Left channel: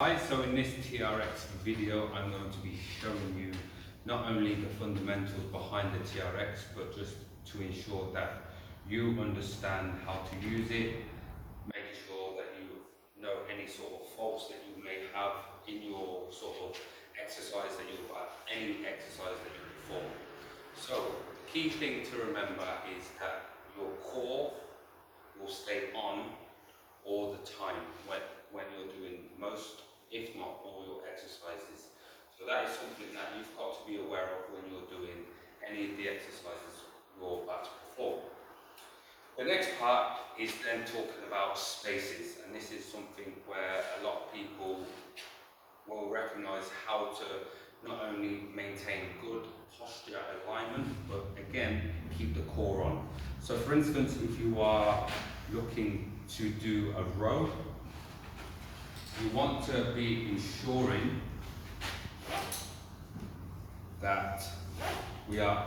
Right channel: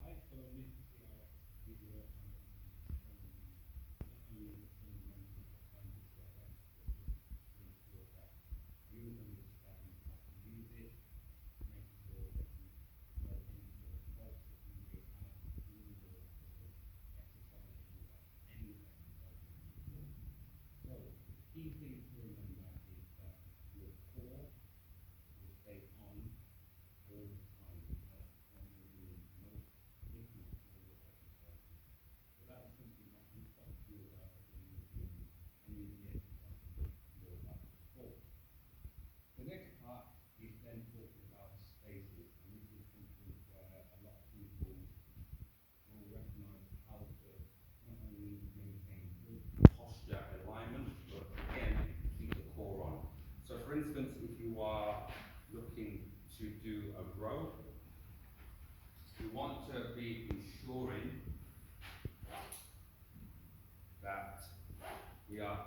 Hi, so in this TRX video I'm going to be showing you not only the fundamentals behind the TRX but just to ensure that you understand how to use it, make sure that you know any sort of faults that you may have in your sort of exercise that you any exercise that you perform. So the key thing to remember is that your core will stay on all the time when you're doing most, if not all, your exercises. So that is something that you've got to be aware of when you're doing any of the exercises you're about to perform. The next part is then talking about spaces, and this is something where a lot of people will recognize how to not only maintain good posture alignment, but again, keep the core on. So for instance, if you are looking to do a row, you want to be ensuring that we are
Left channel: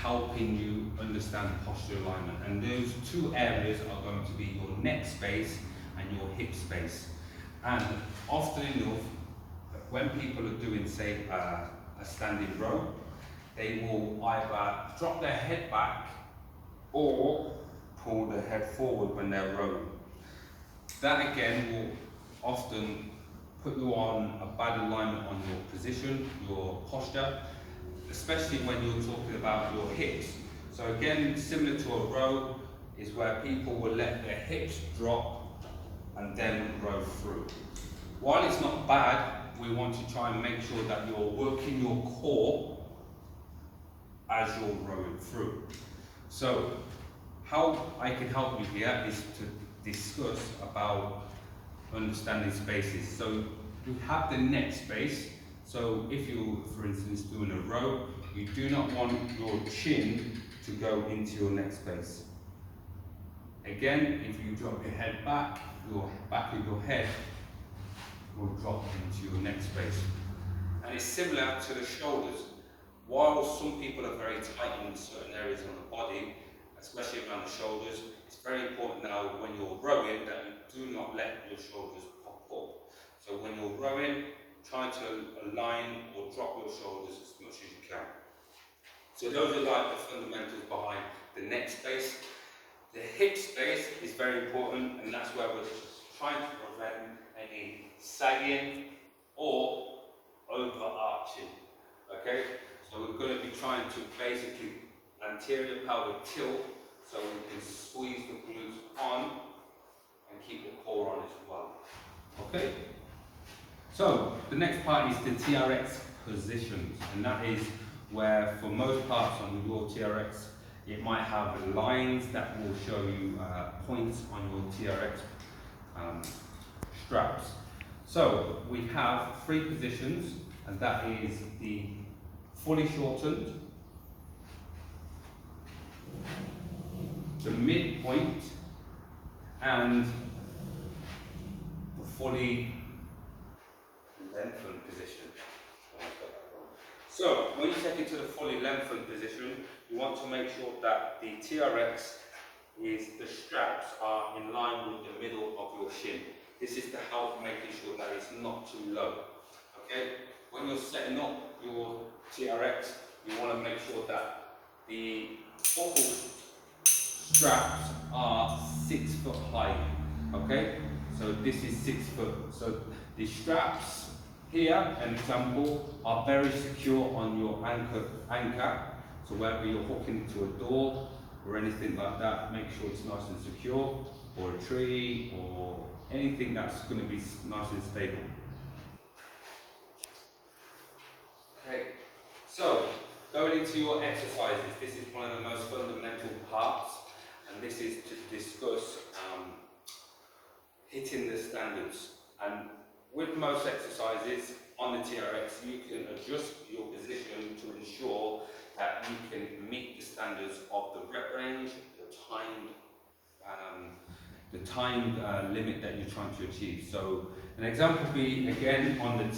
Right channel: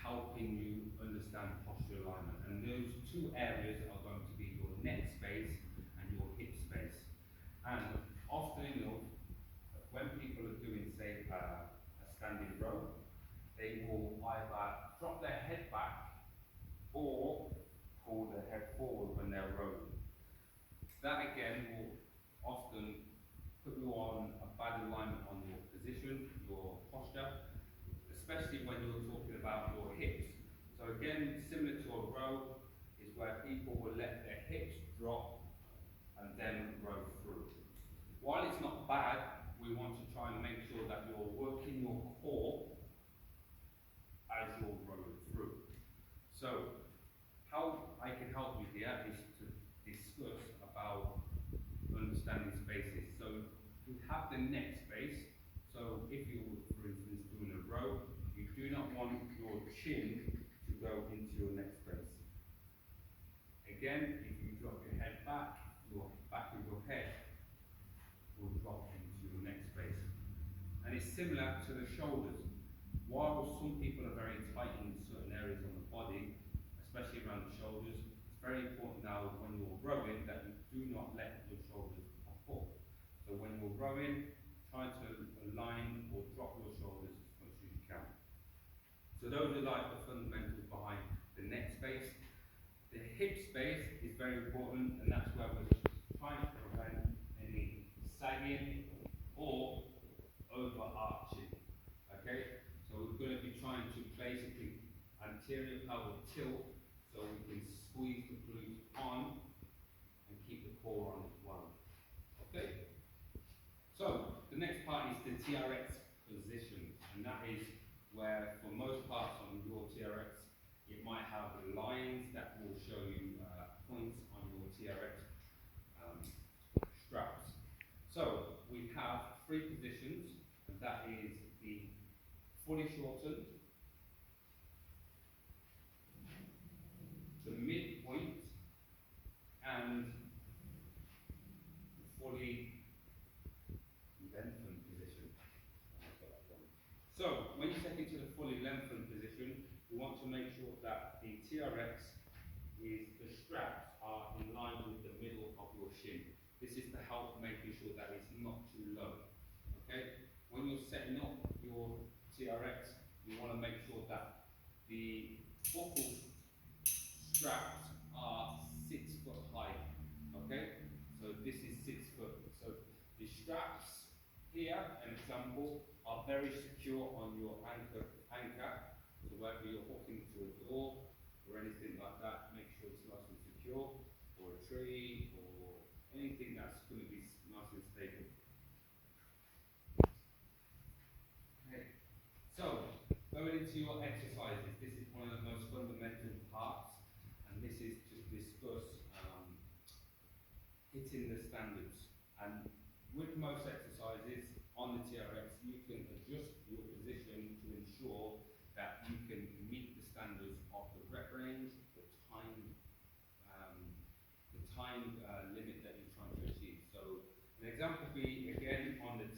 helping you understand posture alignment. And those two areas are going to be your neck space and your hip space. And often enough, when people are doing, say, a standing row, they will either drop their head back or pull the head forward when they're rowing. That again will often put you on a bad alignment on your position, your posture, especially when you're talking about your hips. So again, similar to a row, is where people will let their hips drop and then row through. While it's not bad, we want to try and make sure that you're working your core as you're rowing through. So how I can help you here is to discuss about understanding spaces. So we have the neck space. So if you're, for instance, doing a row, you do not want your chin to go into your neck space. Again, if you drop your head back, your back of your head will drop into your neck space. And it's similar to the shoulders. While some people are very tight in certain areas on the body, especially around the shoulders, it's very important now when you're rowing that you do not let your shoulders pop up. So when you're rowing, try to align or drop your shoulders as much as you can. So those are like the fundamentals behind the neck space. The hip space is very important, and that's where we're trying to prevent any sagging or overarching. Okay, so we're going to be trying to basically anterior pelvic tilt so we can squeeze the glutes on and keep the core on as well. Okay, so the next part is the TRX positions, and that is where for most parts on your TRX it might have lines that will show you points on your TRX straps. So we have three positions, and that is the fully shortened, the midpoint, and the fully lengthened position. So when you take it to the fully lengthened position, you want to make sure that the TRX the straps are in line with the middle of your shin. This is to help making sure that it's not too low. Okay? When you're setting up your TRX, you want to make sure that the buckle straps are 6 foot high. Okay? So this is 6 foot. So the straps here, an example, are very secure on your anchor. So whether you're hooking to a door or anything like that, make sure it's nice and secure, or a tree, or anything that's going to be nice and stable. Okay, so going into your exercises, this is one of the most fundamental parts, and this is to discuss hitting the standards. And with most exercises on the TRX, you can adjust your position to ensure that you can meet the standards of the rep range, the timed limit that you're trying to achieve. So an example would be, again, on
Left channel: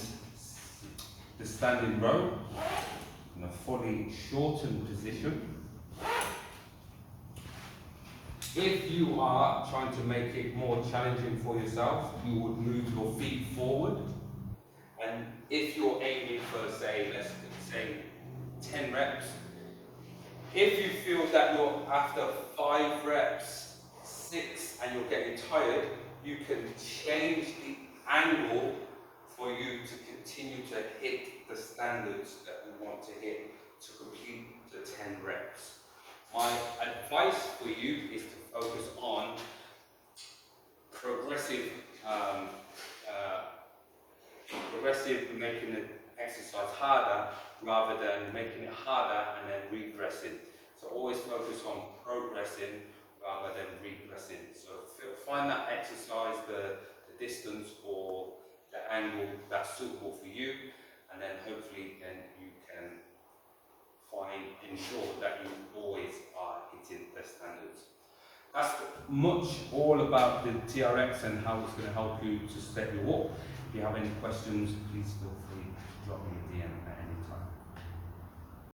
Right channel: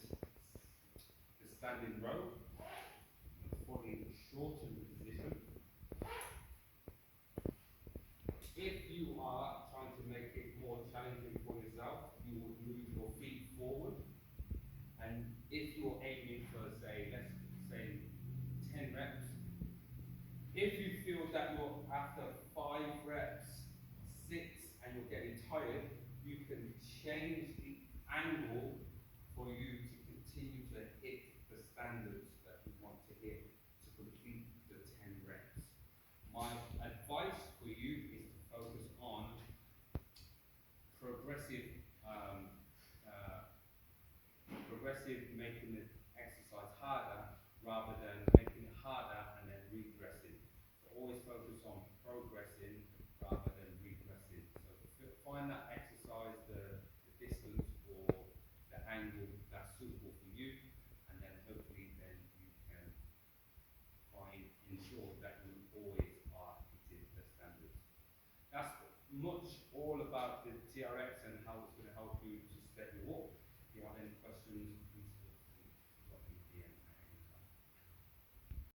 the standing row, in a fully shortened position. If you are trying to make it more challenging for yourself, you would move your feet forward if you're aiming for, say, let's say 10 reps, if you feel that you're after 5 reps, 6, and you're getting tired, you can change the angle for you to continue to hit the standards that we want to hit to complete the 10 reps. My advice for you is to focus on progressive, making the exercise harder rather than making it harder and then regressing. So always focus on progressing rather than regressing. So find that exercise, the distance or the angle that's suitable for you, and then hopefully then you can ensure that you always are hitting the standards. That's much all about the TRX and how it's going to help you to set you up. If you have any questions, please feel free